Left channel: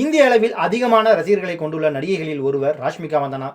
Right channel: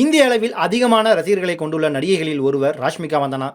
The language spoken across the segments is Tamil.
இந்திய அளவில் அதிகமான ரசிகர்களை கொண்டுள்ள நடிகைகளில் ஒருவர் ராஷ்மிகா மந்தனா.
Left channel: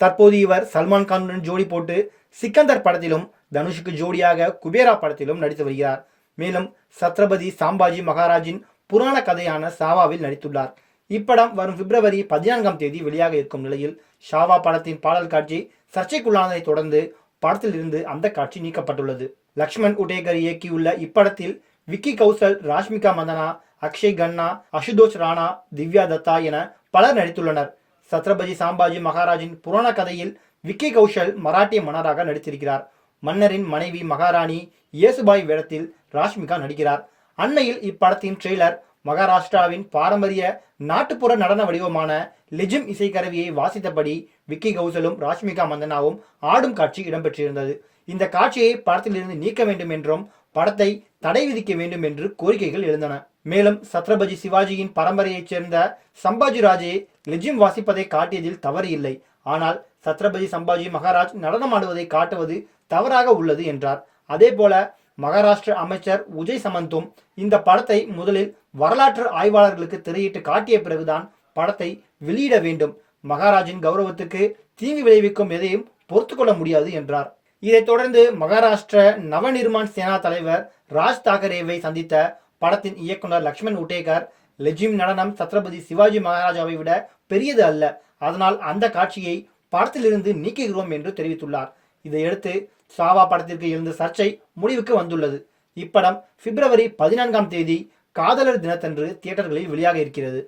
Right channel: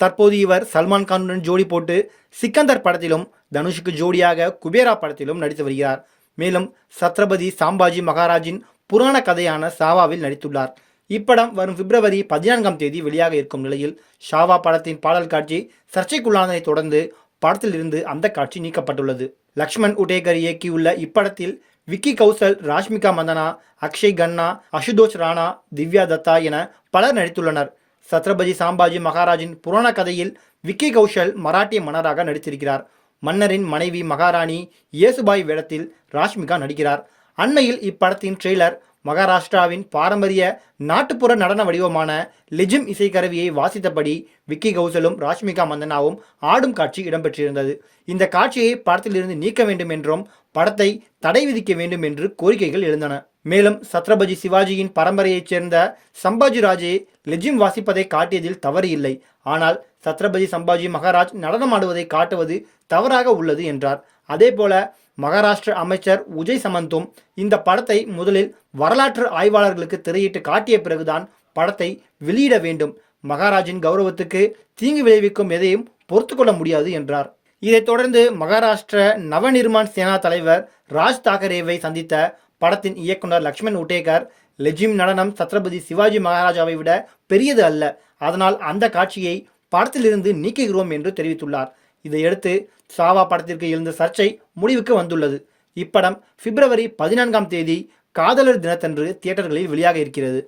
தற்போது இவர் சல்மான் கானுடன் ஜோடி போட்டு சிக்கந்தர் படத்திலும் தனுஷுக்கு ஜோடியாக குபேரா படத்திலும் நடித்து வருகிறார். மேலும் சத்ரபதி சாம்பாஜி மகாராஜின் புராண கதையான சாவாவில் நடித்துள்ளார். இப்படம் வரும் பிப்ரவரி 14ஆம் தேதி வெளியாக இருக்கும் நிலையில் ஷாவா படத்தின் பாடல் காட்சி சர்ச்சைக்குள்ளானதை தொடர்ந்து படத்தில் இருந்து அந்த காட்சி நீக்கப்பட்டுள்ளது. லக்ஷ்மண் உடேகர் இயக்கியுள்ள இப்படத்தில் விக்கி கௌசல், ராஷ்மிகா மந்தனா, அக்ஷய் கன்னா, அசுதோஷ் ராணா, திவ்யா தத்தா என பலர் நடித்துள்ளனர். சத்ரபதி சாம்பாஜி மகாராஜின் புராண கதையில் விக்கி கௌஷல் மராட்டிய மன்னராக நடித்திருக்கிறார். மன்னரின் மனைவி மகாராணி இயேசுபாய் வேடத்தில் ராஷ்மிகா நடிக்கிறார். அண்மையில் இப்படத்தின் ட்ரெய்லர் மகாராஷ்டிராவின் பாரம்பரிய நாட்டுப்புற நடன வடிவமான லெஜிம் இசைக்கருவியை வாசித்தபடி விக்கி கௌசலும் ராஷ்மிகா மந்தனாவும் ஆடும் காட்சி இடம்பெற்றிருந்தது. இந்த காட்சியை படத்திலிருந்து நீக்க வேண்டும் என்றும் படத்தை தடை விதிக்க வேண்டும் என்று கோரிக்கைகள் எழுந்தன. மேலும் சத்ரபதி சிவாஜியின் பரம்பரையைச் சேர்ந்த சம்பாஜி ராஜே லெஜிம் வாசிப்பதை காட்டியதில் தவறு இல்லை. ஆனால் சத்ரபதி சம்பாஜி மகாராஜ் நடனமாடுவதை காட்டுவது தவறாக உள்ளது என்றார். அதேபோல மகாராஷ்டிர அமைச்சர் உஜய் சமந்தும் இந்த படத்தை முதலில் வரலாற்று ஆய்வாளர்களுக்கு திரையிட்டு காட்டிய பிறகுதான் படத்தை வெளியிட வேண்டும். மகாராஜின் கௌரவத்துக்கு தீங்கு விளைவிக்கும் எதையும் பொறுத்துக்கொள்ள முடியாது என்றார். இதைத் தொடர்ந்து மகாராஷ்டிர நவநிர்மாண் சேனா தலைவர் ராஜ் தாக்கரேவை சந்தித்த படத்தின் இயக்குனர் லக்ஷ்மண் உடேகர், லெஜிம் நடனம் சத்ரபதி சிவாஜி மகாராஜாவை விட பெரியது அல்ல, அதனால் அந்த காட்சியை படத்திலிருந்து நீக்குகிறோம் என்று தெரிவித்துள்ளார். இதையடுத்து சாவா படத்திற்கு எழுந்த சர்ச்சை முடிவுக்கு வந்துள்ளது. இப்படம் பிப்ரவரி 14ஆம் தேதி காதலர் தினத்தன்று தியேட்டர்களில் வெளியாக இருக்கிறது.